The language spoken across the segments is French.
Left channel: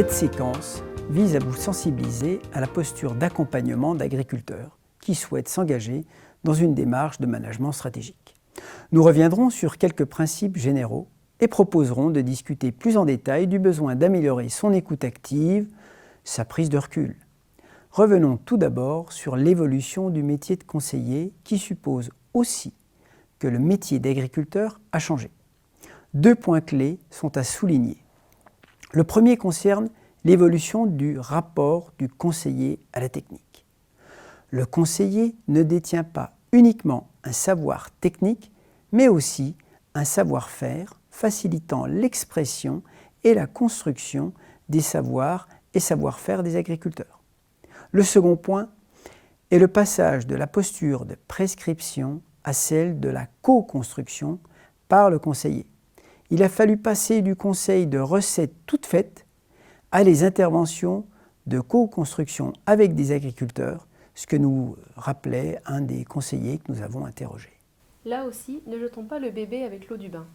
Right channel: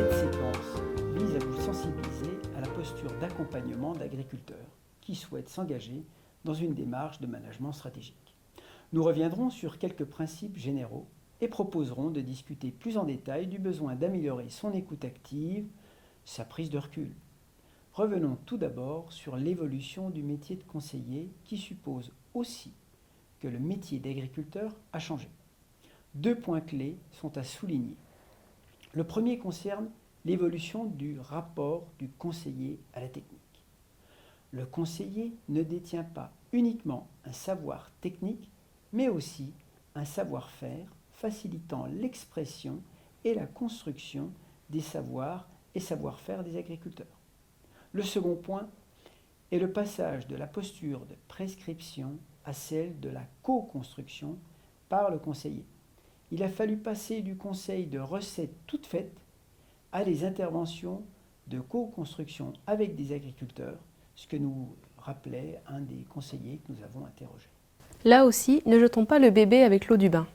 Cette séquence vise à vous sensibiliser à la posture d'accompagnement d'agriculteurs qui souhaitent s'engager dans une démarche de management stratégique. Nous reviendrons sur quelques principes généraux et proposerons de discuter plus en détail du besoin d'améliorer son écoute active, sa prise de recul. Revenons tout d'abord sur l'évolution du métier de conseiller qui suppose aussi que le métier d'agriculteur a changé. Deux points clés sont à souligner. Le premier concerne l'évolution du rapport du conseiller à la technique. Le conseiller ne détient pas uniquement un savoir technique, mais aussi un savoir-faire facilitant l'expression et la construction des savoirs et savoir-faire des agriculteurs. Le second point est le passage de la posture de prescription à celle de la co-construction par le conseiller. Il a fallu passer du conseil de recettes toutes faites à les interventions de co-construction avec des agriculteurs, ce que nous rappelait un des conseillers que nous avons interrogés. Là aussi, ne jetons pas le bébé avec l'eau du bain.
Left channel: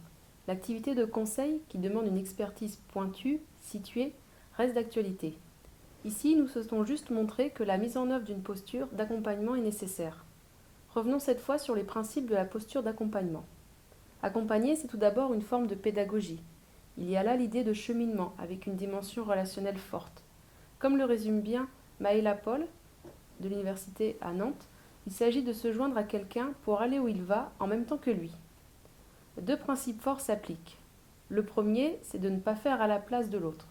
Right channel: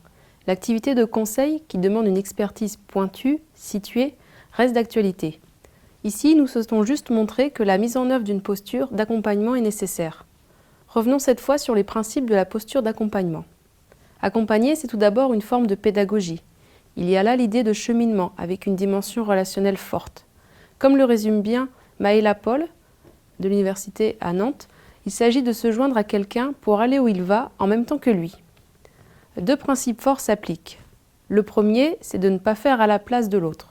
L'activité de conseil, qui demande une expertise pointue, située, reste d'actualité. Ici, nous souhaitons juste montrer que la mise en œuvre d'une posture d'accompagnement est nécessaire. Revenons cette fois sur les principes de la posture d'accompagnement. Accompagner, c'est tout d'abord une forme de pédagogie. Il y a là l'idée de cheminement avec une dimension relationnelle forte. Comme le résume bien Maëla Paul, de l'université à Nantes, il s'agit de se joindre à quelqu'un pour aller où il va en même temps que lui. Deux principes forts s'appliquent. Le premier, c'est de ne pas faire à la place de l'autre.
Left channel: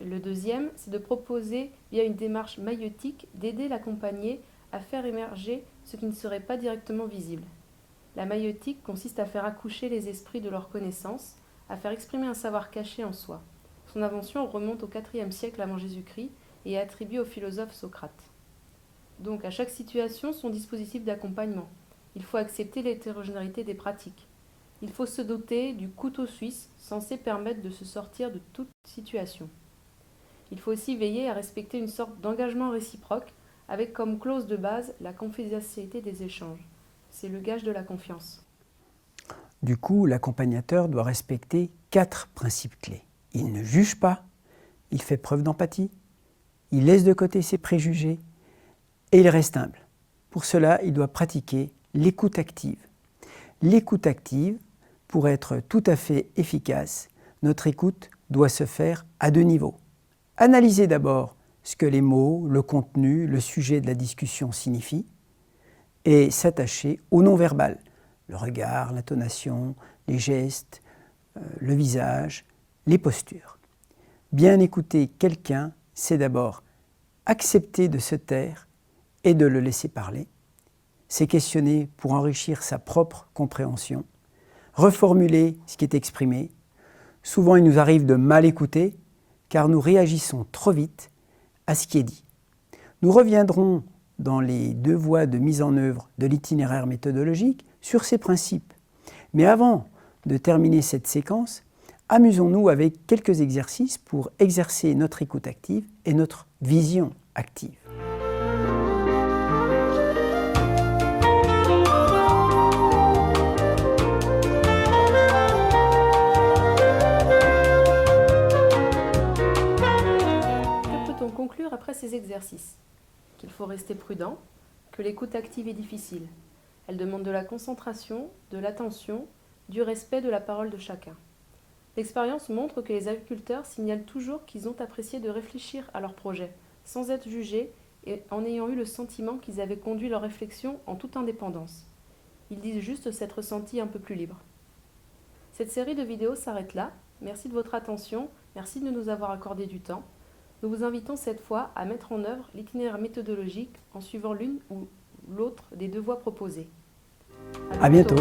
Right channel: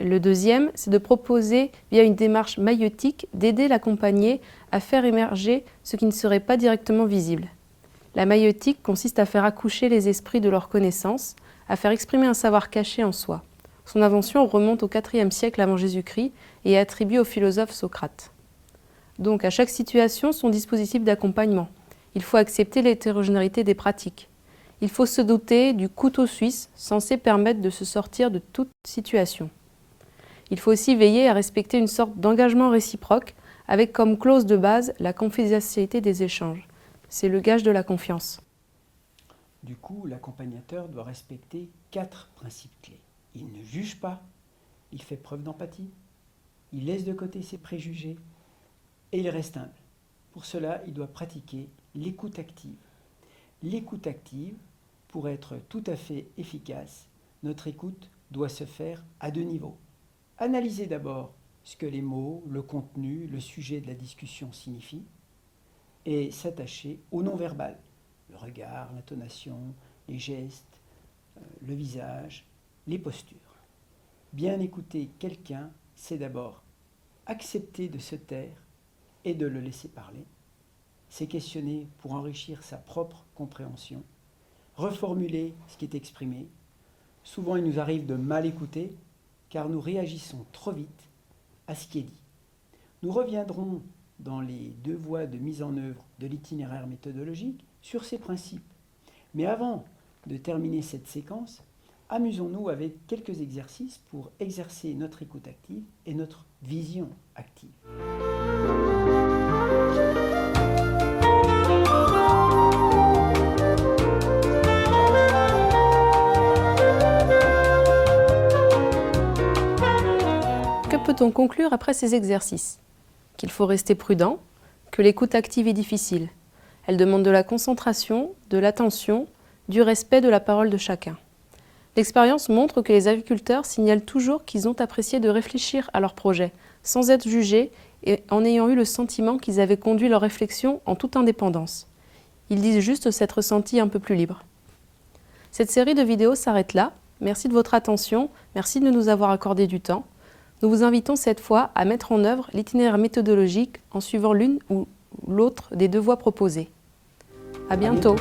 Le deuxième, c'est de proposer, via une démarche maïeutique, d'aider l'accompagné à faire émerger ce qui ne serait pas directement visible. La maïeutique consiste à faire accoucher les esprits de leurs connaissances, à faire exprimer un savoir caché en soi. Son invention remonte au IVe siècle avant Jésus-Christ et est attribuée au philosophe Socrate. Donc, à chaque situation, son dispositif d'accompagnement. Il faut accepter l'hétérogénéité des pratiques. Il faut se doter du couteau suisse censé permettre de se sortir de toute situation. Il faut aussi veiller à respecter une sorte d'engagement réciproque avec comme clause de base la confidentialité des échanges. C'est le gage de la confiance. Du coup, l'accompagnateur doit respecter 4 principes clés. Il ne juge pas, il fait preuve d'empathie, il laisse de côté ses préjugés et il reste humble. Pour cela, il doit pratiquer l'écoute active. L'écoute active, pour être tout à fait efficace, notre écoute doit se faire à 2 niveaux. Analyser d'abord ce que les mots, le contenu, le sujet de la discussion signifient et s'attacher au non-verbal, le regard, l'intonation, les gestes, le visage, les postures. Bien écouter quelqu'un, c'est d'abord accepter de se taire et de le laisser parler. C'est questionner pour enrichir sa propre compréhension, reformuler ce qui est exprimé. Souvent, il nous arrive de mal écouter car nous réagissons trop vite à ce qui est dit. Nous reviendrons dans les 2 voies de mise en œuvre de l'itinéraire méthodologique sur ces principes. Mais avant de terminer cette séquence, amusons-nous avec quelques exercices pour exercer notre écoute active et notre vision active. Peut-on conclure après ces exercices? Qu'il faut rester prudent, que l'écoute active est difficile. Elle demande de la concentration, de l'attention, du respect de la parole de chacun. L'expérience montre que les agriculteurs signalent toujours qu'ils ont apprécié de réfléchir à leur projet, sans être jugés et en ayant eu le sentiment qu'ils avaient conduit leur réflexion en toute indépendance. Ils disent juste s'être sentis un peu plus libres. Cette série de vidéos s'arrête là. Merci de votre attention, merci de nous avoir accordé du temps. Nous vous invitons cette fois à mettre en œuvre l'itinéraire méthodologique en suivant l'une ou l'autre des 2 voies proposées. À bientôt.